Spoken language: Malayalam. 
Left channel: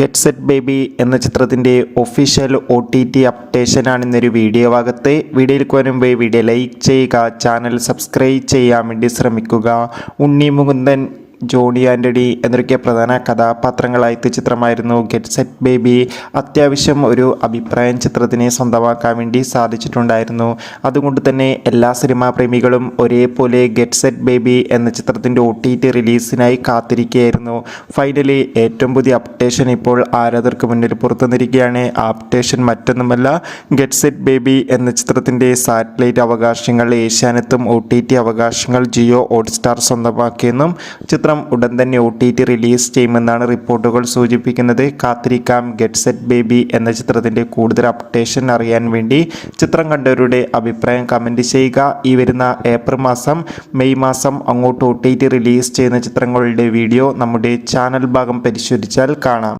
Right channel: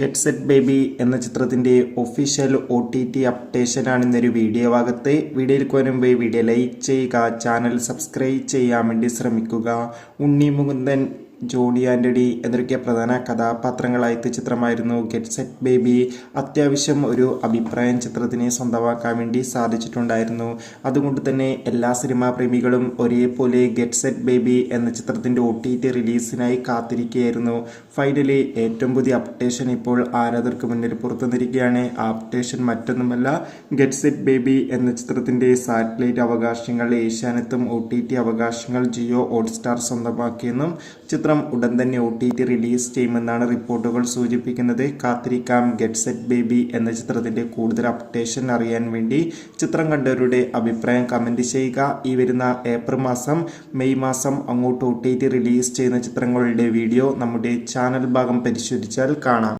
ഗെറ്റ് സെറ്റ് ബേബി എന്ന ചിത്രത്തിൻ്റെ ഒഫീഷ്യൽ OTT അപ്ഡേഷനാണ് ഇന്നൊരു വീഡിയോ ഭാഗത്ത്. വീഡിയോയിൽ വരുമ്പോൾ വീഡിയോ ലൈക്ക് ചെയ്യുക, ചാനൽ സബ്സ്ക്രൈബ് ചെയ്യാൻ വേണ്ടി ശ്രമിക്കുക. ഉണ്ണി മുകുന്ദൻ, ജോണി ആൻ്റണി എന്നൊക്കെ പ്രധാന കഥാപാത്രങ്ങളായ ചിത്രമായിരുന്നു ഗെറ്റ് സെറ്റ് ബേബി. അത്യാവശ്യം ഒരു അഭിപ്രായം ചിത്രത്തിനെ സ്വന്തമാക്കാൻ വേണ്ടി സാധിച്ചിട്ടുണ്ടായിരുന്നു. അതുകൊണ്ട് തന്നെ എല്ലാ സിനിമാ പ്രേമികളും ഒരേപോലെ ഗെറ്റ് സെറ്റ് ബേബി എന്ന ചിത്രത്തിൻ്റെ OTT റിലീസിനായി കാത്തിരിക്കുകയായിരുന്നു. ഫൈനലി ഏറ്റവും പുതിയ അപ്ഡേഷൻ ഇപ്പോൾ ആരാധകർക്ക് മുന്നിൽ പുറത്തുവന്നിരിക്കുകയാണ്. ആ അപ്ഡേഷൻ മറ്റൊന്നുമല്ല, ഗെറ്റ് സെറ്റ് ബേബി എന്ന ചിത്രത്തിൻ്റെ സാറ്റലൈറ്റ് അവകാശങ്ങൾ ഏഷ്യാനെറ്റും OTT അവകാശങ്ങൾ ജിയോ ഹോട്ട്സ്റ്റാർ സ്വന്തമാക്കിയെന്നും ചിത്രം ഉടൻ തന്നെ OTT റിലീസ് ചെയ്യുമെന്നാണ് റിപ്പോർട്ടുകൾ സൂചിപ്പിക്കുന്നത്. കാത്തിരിക്കാം ഗെറ്റ് സെറ്റ് ബേബി എന്ന ചിത്രത്തിൻ്റെ കൂടുതൽ അപ്ഡേഷൻ അറിയാൻ വേണ്ടി. ചിത്രം കണ്ടവരുടെ അഭിപ്രായം കമൻറ്റ് ചെയ്യുക. ഈ വരുന്ന ഏപ്രിൽ മാസം, മെയ് മാസം അങ്ങോട്ട് OTT റിലീസ് ചെയ്യുന്ന ചിത്രങ്ങളുടെ വീഡിയോ നമ്മുടെ ചാനൽ ഭാഗം പരിശോധിച്ചാൽ കാണാം.